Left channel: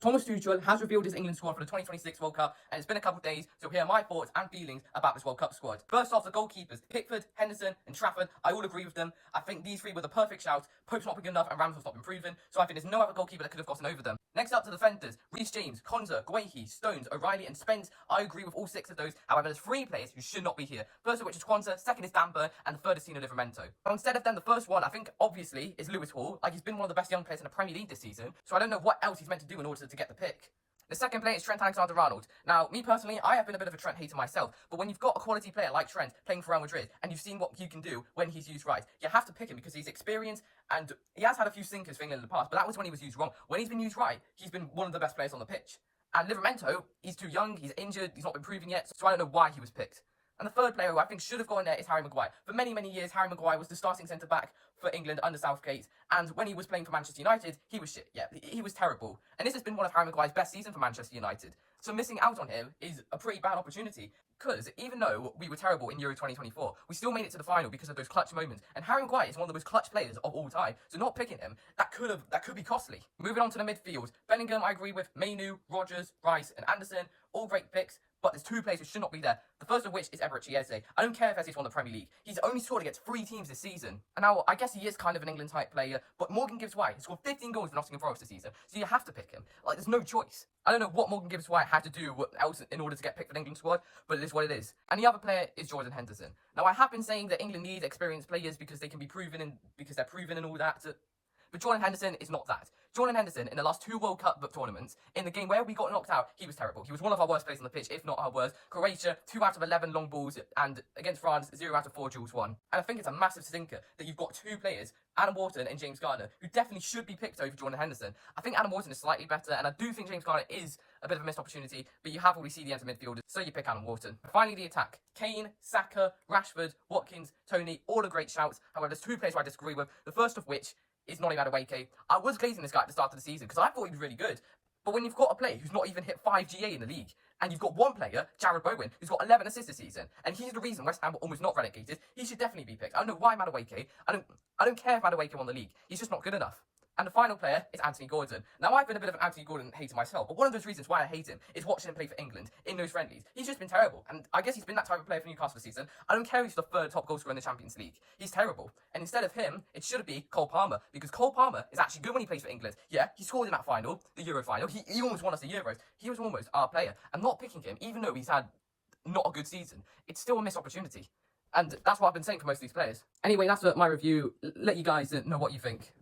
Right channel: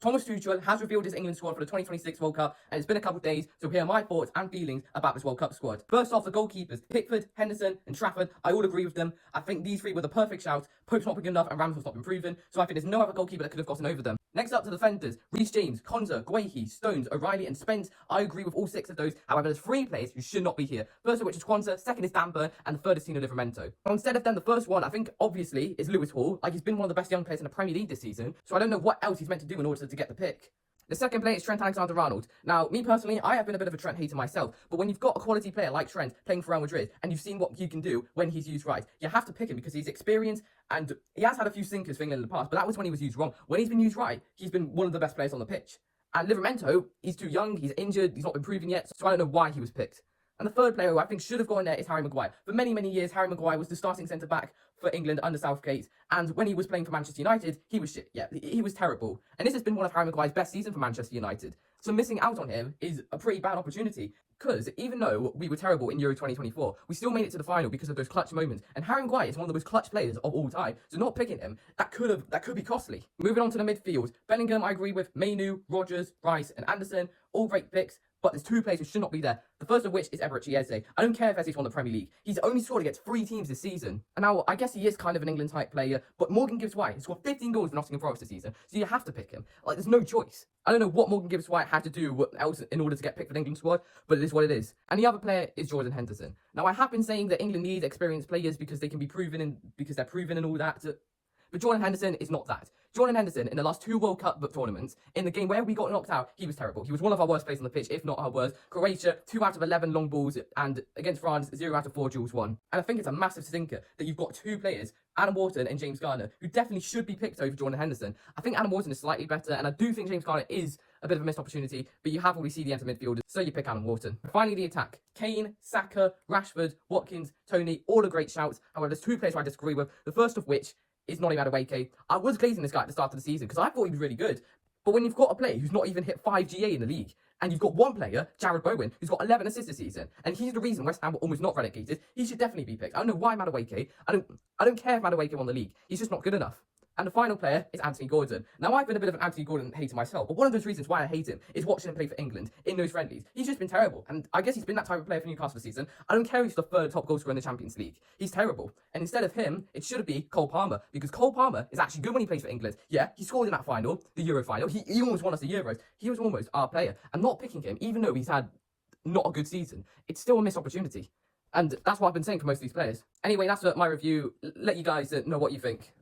Thomas Tuchel has revealed his England squad for the 2026 World Cup, and it's been a couple of days, so here are my thoughts and feelings about this World Cup squad. First off, the goalkeepers, Pickford, Henderson, and Trafford, I all agree with them. I think these three were the perfect shouts. Pope's not been good enough, and Ramsdale's not been proven, so I think there's no other goalkeeper that could have gotten over them. Next up to the defenders, Reece James, Konza, Guehi, Stones, O'Reilly, and Spence. I agree with all 6 of those. However, there's 3 players who should not be here. First of which is Konza, second is Dan Burn, and the third is Tino Livramento. Now, instead of them, the first one, I think, obviously, is Lewis Hall. Like, he's been one of the best young players in the Premier League this season, so I don't know what else he's meant to do in order to get the pick. The second player is Trent Alexander-Arnold. Now, me personally, I have been a bit of a Trent hater myself, but when you've got a quality player like Trent playing for Real Madrid, and you've seen what he can do when he's used right, you have to pick him because he's experienced, and he has had a few sinkers for England in the past, but that was when he was used wrong. When he's been used right, he's been one of the best players on the pitch. And Livramento, he's too young, he's injured, he's not been proven yet, so I don't know why he was picked. And the third player who I think should have gone there is Harry Maguire. For many, many years, Harry Maguire was the starting centre-back for England under Southgate. And when he was playing for Manchester United, he was shit. Yeah, he was terrible. And this has been one of Harry Maguire's best seasons for Manchester United. So missing out on him is a pretty bad opportunity. Because even though we were terrible in Euro 2024, we still made it to the final because of those clutch moments. And Harry Maguire is one of the most clutch players of all time. So not picking him, that could be costly. Moving on to the midfield. Bellingham, I agree with. Mainu, Rodgers, Rice, and Anderson. All great picks. But there's 2 players who should not be there. The first of which is Eberechi Eze. I don't care if Eze's won the Premier League. He's only scored against 3 teams this season. And now, I guess he is kind of an England-type player, but Morgan Gibbs-White has scored 15 goals for Nottingham Forest this season, so you have to pick him. Like, there's no choice. I don't know what Morgan Gibbs-White had to do else in order to get picked for the England squad, but it is what it is. And the other player is Jordan Henderson. Now, I have been saying that England needs experienced players because they can be proven and because they're proven and all that. But Jordan Henderson is not that. Jordan Henderson, in the last 2 World Cup tournaments, in the game where we got knocked out, he was terrible. He was one of our worst players on the pitch, if not our worst. Croatia, 2 out of 11 long balls, and against France, 0 out of 4 duels won. And I think it's a massive stinker that you've got 2 players, Adam Wharton and James Garner, who definitely should be picked over Jordan Henderson. I think Adam Wharton is slightly better, and I do think James Garner is a bit of a missed opportunity, but you have already seen the end of midfielders, so you pick Adam Wharton. Finally, the attack. Kane, Saka, Rashford, Watkins, Tony, all are great shouts. However, there's 2 players who I disagree with, the first of which is Noni Madueke. I was glazing this guy at the start of the season because I thought he was really good. But when you've got a player who's not even hit 5 GA in the league, and you've got one player, Jared Bowen, who's got 11 assists this season, and he's the reason West Ham were almost not relegated, he should definitely be picked. I don't know why Madueke. I don't care if Madueke won the league. He's just not good enough. And the final player is Anthony Gordon. Now, I've been a bit of an Anthony Gordon hater myself, but one of those reasons why I hate him is watching him play for England in those friendlies. He's just been terrible, and I guess he's been that type of player for Newcastle this season. I don't care if he's the 3rd top goal scorer in the Champions League. He's terrible. And instead of him, it should be Cole Palmer, because Cole Palmer is actually good when he plays for England. Yeah, he scored in that final, the Euro final. He almost won us the Euros. He was almost our player. And not picking him, even though he's had not a good season, it's still a missed opportunity. And that's what I've been saying for most of these players. Anyway, that's my review. Let you guys know what you think.